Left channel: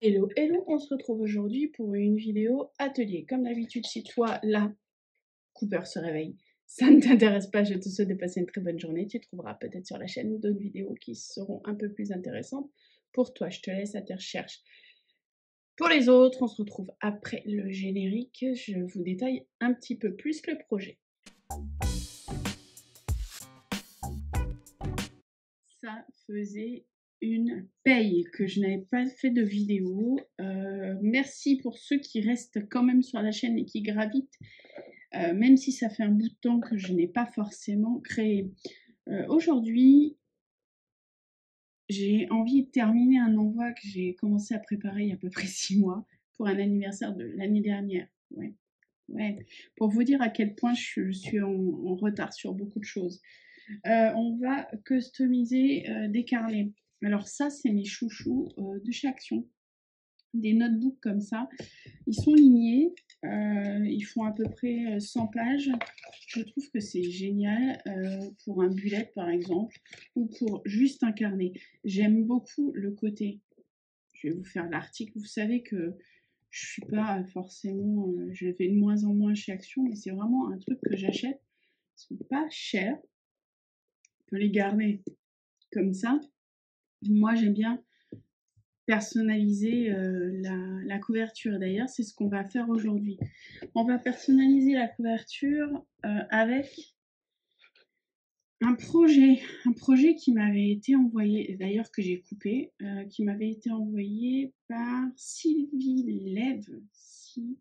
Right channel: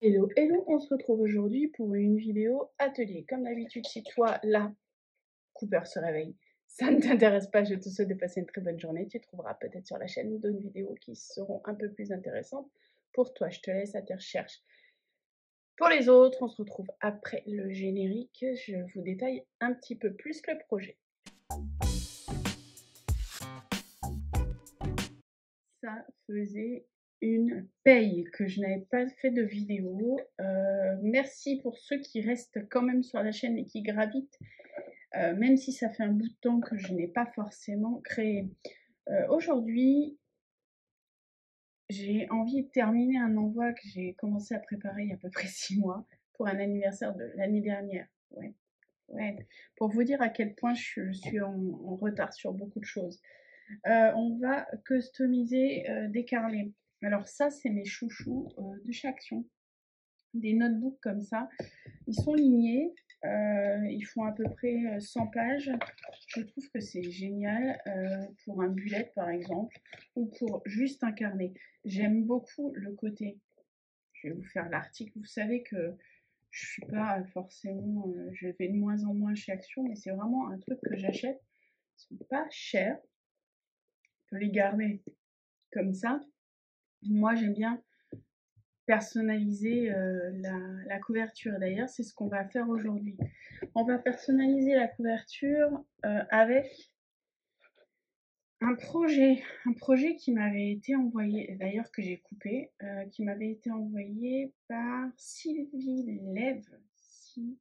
Hello, hello, on se retrouve aujourd'hui pour une vidéo atelier. Comme d'habitude, si toi, là, Cooper se réveille, ça ne t'intéresse pas, je te souhaite de passer une très bonne journée. Tu trouveras peut-être sur la chaîne d'autres vidéos qui seront un peu plus intéressantes pour toi. Je te laisse à tes recherches. Pour les autres, on se retrouve après le générique. Je vous détaille un petit peu plus le projet. Ça faisait une paye que je n'avais pas fait de vidéo. Merci pour ceux qui restent quand même sur la chaîne et qui gravitent, même si ça fait un bout de temps que je n'ai pas forcément créé. Aujourd'hui, j'ai envie de terminer un envoi que j'ai commencé à préparer il y a à peu près 6 mois pour un anniversaire de l'année dernière. Ouais, ouais. Pour vous dire à quel point je suis en retard sur beaucoup de choses. On va customiser des carnets. Alors ça, c'est mes chouchous de chez Action. Des notebooks comme ça. Ils sont lignés. Ils font à peu près 100 pages. Je trouve que c'est génial pour un bullet par exemple ou pour juste un carnet. J'aime beaucoup le côté. Je vais vous faire l'article. Vous savez que je suis pas forcément, je vais de moins en moins chez Action, mais c'est vraiment un truc que j'achète. Ils sont pas chers. On peut les garder comme ça. Moi, j'aime bien personnaliser la couverture. D'ailleurs, c'est ce qu'on va faire aujourd'hui. On va personnaliser la couverture avec un projet qui m'avait été envoyé, d'ailleurs que j'ai coupé, qui m'avait été envoyé par Sylvie Lève, si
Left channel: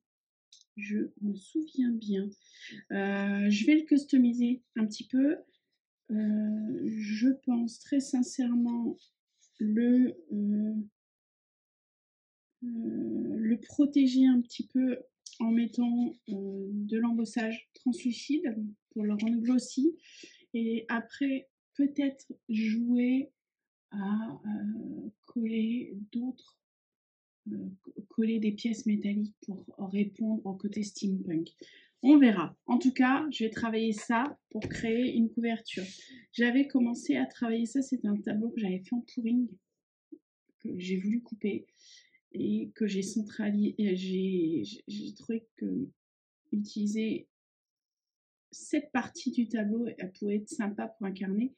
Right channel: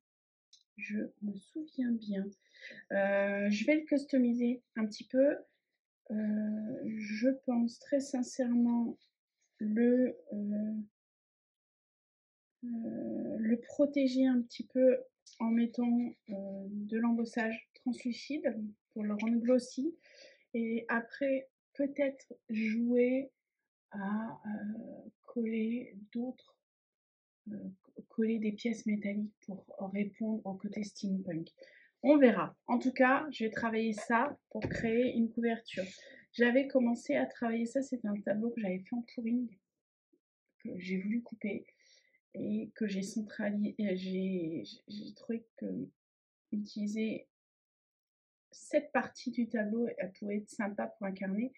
je me souviens bien. Je vais le customiser un petit peu. Je pense très sincèrement le protéger un petit peu en mettant de l'embossage translucide pour le rendre glossy. Et après, peut-être jouer à coller d'autres, coller des pièces métalliques pour répondre au côté steampunk. On verra. En tout cas, je vais travailler ça pour créer une couverture. J'avais commencé à travailler ça, c'était un tableau que j'avais fait en pouring, que j'ai voulu couper et que j'ai centralisé. J'ai trouvé que utiliser cette partie du tableau, elle pouvait être sympa pour un carnet.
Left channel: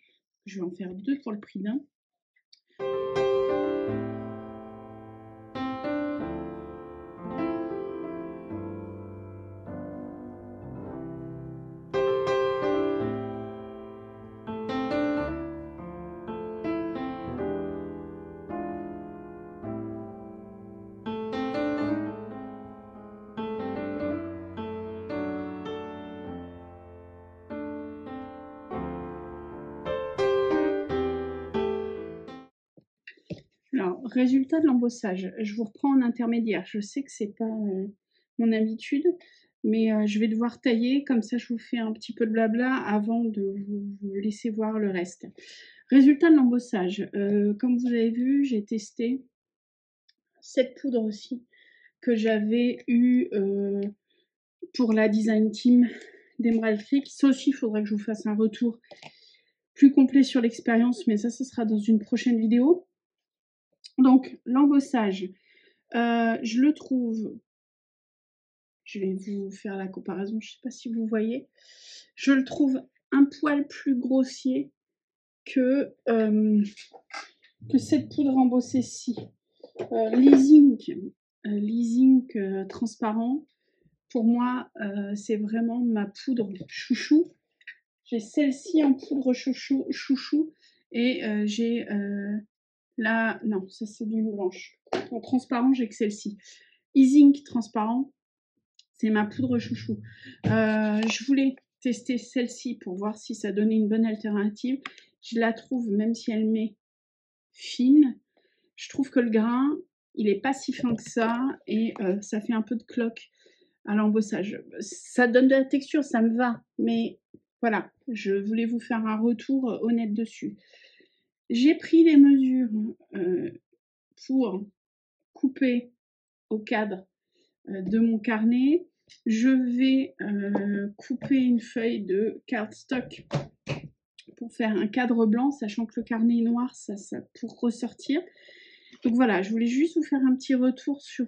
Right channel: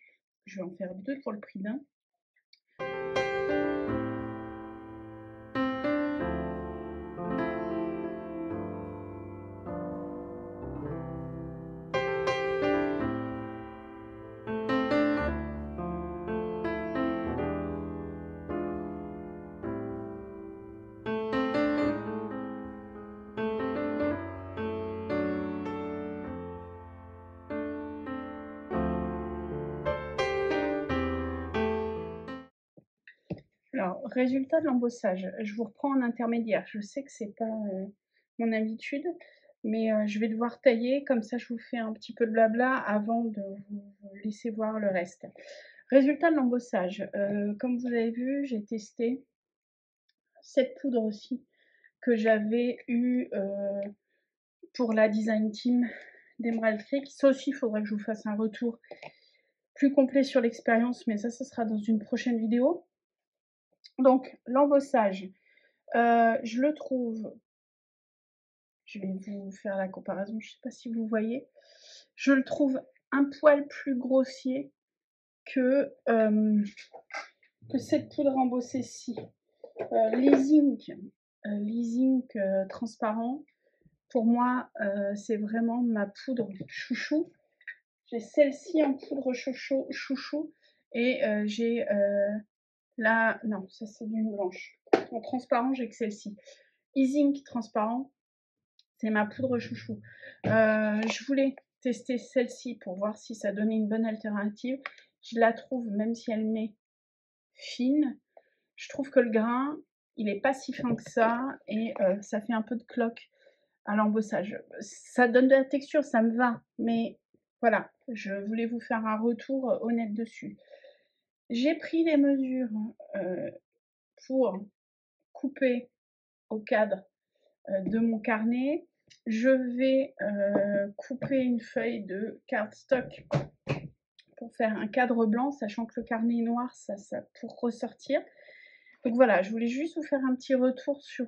Je vais en faire 2 pour le prix d'un. Alors, résultat de l'embossage. Je vous reprends en intermédiaire. Je sais que c'est pas mon habitude, mais je vais devoir tailler. Comme ça, je vous fais un petit peu de blabla avant de vous laisser voir le reste. Résultat de l'embossage. Comme vous avez vu, j'ai testé cette poudre aussi que j'avais eu pour la design team d'Emerald Creek. Ça aussi, il faudrait que je vous fasse un retour plus complet sur l'expérience, mais ça sera dans une prochaine vidéo. Donc, l'embossage, je le trouve, je vais vous faire la comparaison, je ne sais pas si vous voyez, je le trouve un poil plus grossier que cette poudre embossée-ci. Leasing transparent, pour moi, c'est vraiment ma poudre chouchou. J'ai celle-ci en poudre chouchou et j'ai la... Non, ça c'est d'une blanche. En transparent, j'ai que celle-ci. E-Zink transparent, c'est ma poudre chouchou. Je voulais tester celle-ci pour voir si ça donnait une bonne alternative. Je la trouve, même si elle m'est fine, je trouve que le grain, il n'est pas si fin que ça et ça fait un peu de cloque à l'embossage. Ça donne de la texture, ça me va, mais voilà, je voulais vous faire un retour honnête dessus. J'ai pris les mesures pour couper au cadre de mon carnet. Je vais couper une feuille de cardstock pour faire un cadre blanc, sachant que le carnet est noir, ça pour ressortir. Donc voilà, je voulais juste vous faire un petit retour sur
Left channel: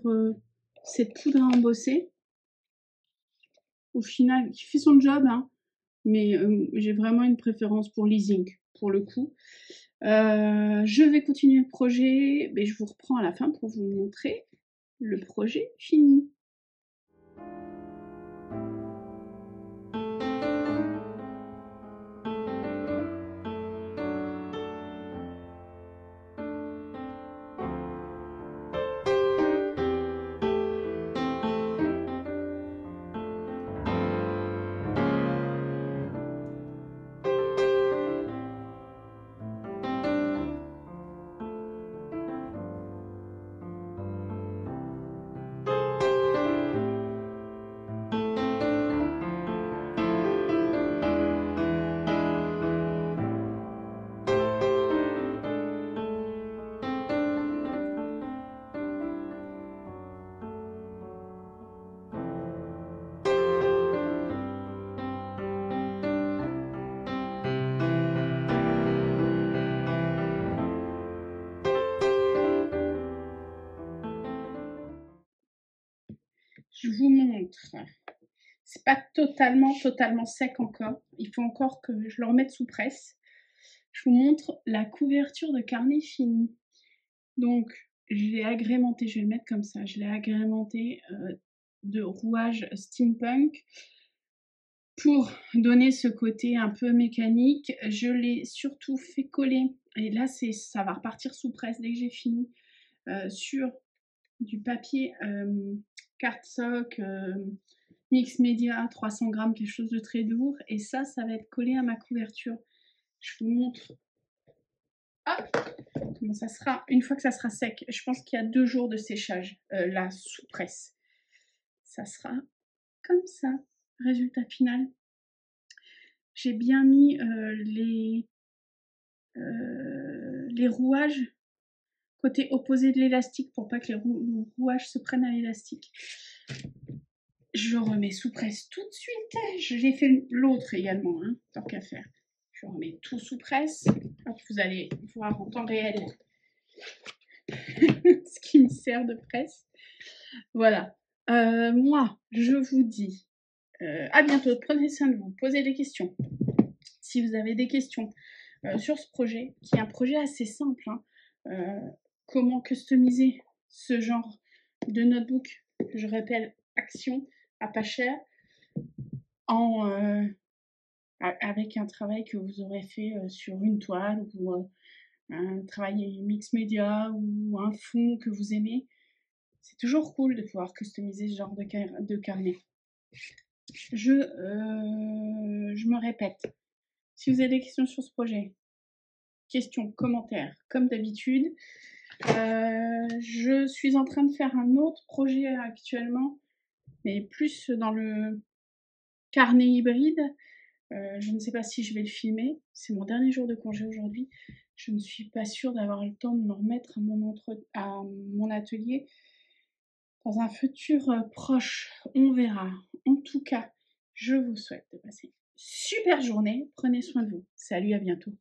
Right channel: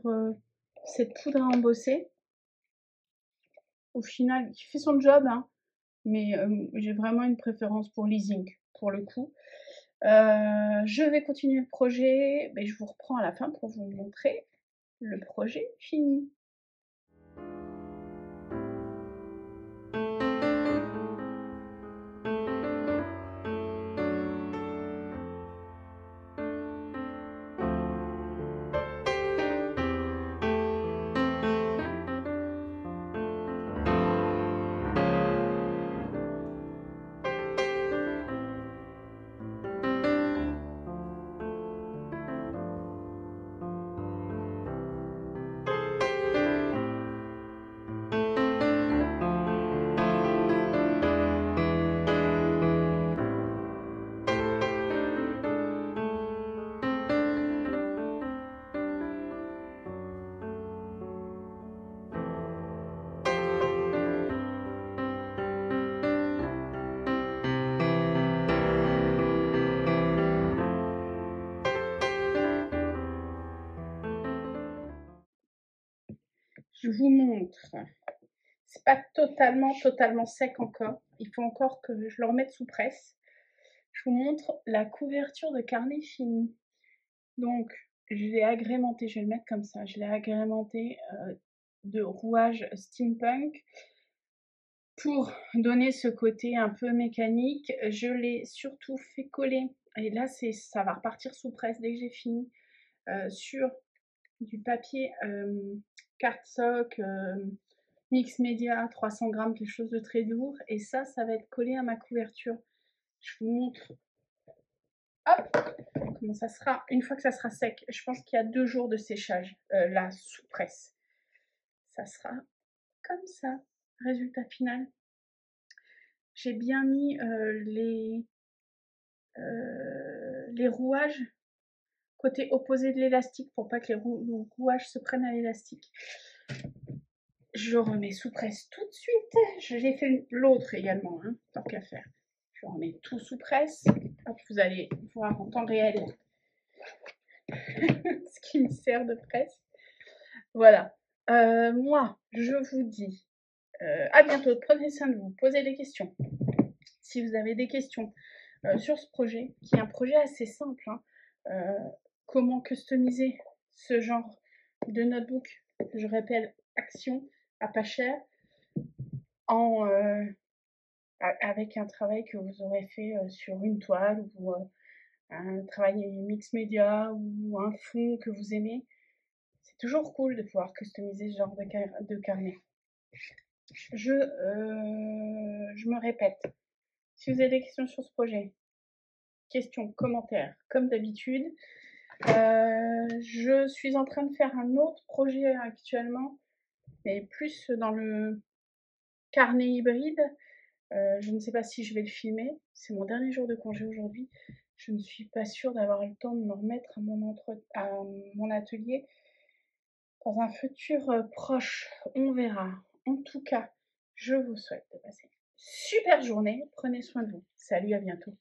cette poudre à embosser. Au final, qui fait son job, hein, mais j'ai vraiment une préférence pour l'e-zing, pour le coup. Je vais continuer le projet, mais je vous reprends à la fin pour vous montrer le projet fini. Je vous montre. C'est pas totalement sec encore. Il faut encore que je le remette sous presse. Je vous montre la couverture de carnet fini. Donc, je l'ai agrémenté, je vais le mettre comme ça, je l'ai agrémenté de rouage steampunk pour donner ce côté un peu mécanique. Je l'ai surtout fait coller, et là ça va repartir sous presse dès que j'ai fini, sur du papier cardstock mix média 300 grammes, quelque chose de très lourd, et ça va être collé à ma couverture. Je vous montre comment ça sera une fois que ça sera sec. Je pense qu'il y a 2 jours de séchage là sous presse. Ça sera comme ça. Résultat final. J'ai bien mis les rouages côté opposé de l'élastique pour pas que les rouages se prennent à l'élastique. Je remets sous presse tout de suite. J'ai fait l'autre également, hein, tant qu'à faire. Je remets tout sous presse. Hop, vous allez voir en temps réel ce qui me sert de presse. Voilà. Moi, je vous dis à bientôt. Prenez soin de vous. Posez des questions. Si vous avez des questions sur ce projet, qui est un projet assez simple, hein, comment customiser ce genre de notebook, je répète, action à pas cher, avec un travail que vous aurez fait sur une toile ou un travail mix média ou un fond que vous aimez. C'est toujours cool de pouvoir customiser ce genre de carnet. Je me répète, si vous avez des questions sur ce projet, questions, commentaires, comme d'habitude. Je suis en train de faire un autre projet actuellement, mais plus dans le carnet hybride. Je ne sais pas si je vais le filmer. C'est mon dernier jour de congé aujourd'hui. Je ne suis pas sûre d'avoir le temps de me remettre à mon atelier dans un futur proche. On verra. En tout cas, je vous souhaite de passer une super journée. Prenez soin de vous. Salut, à bientôt.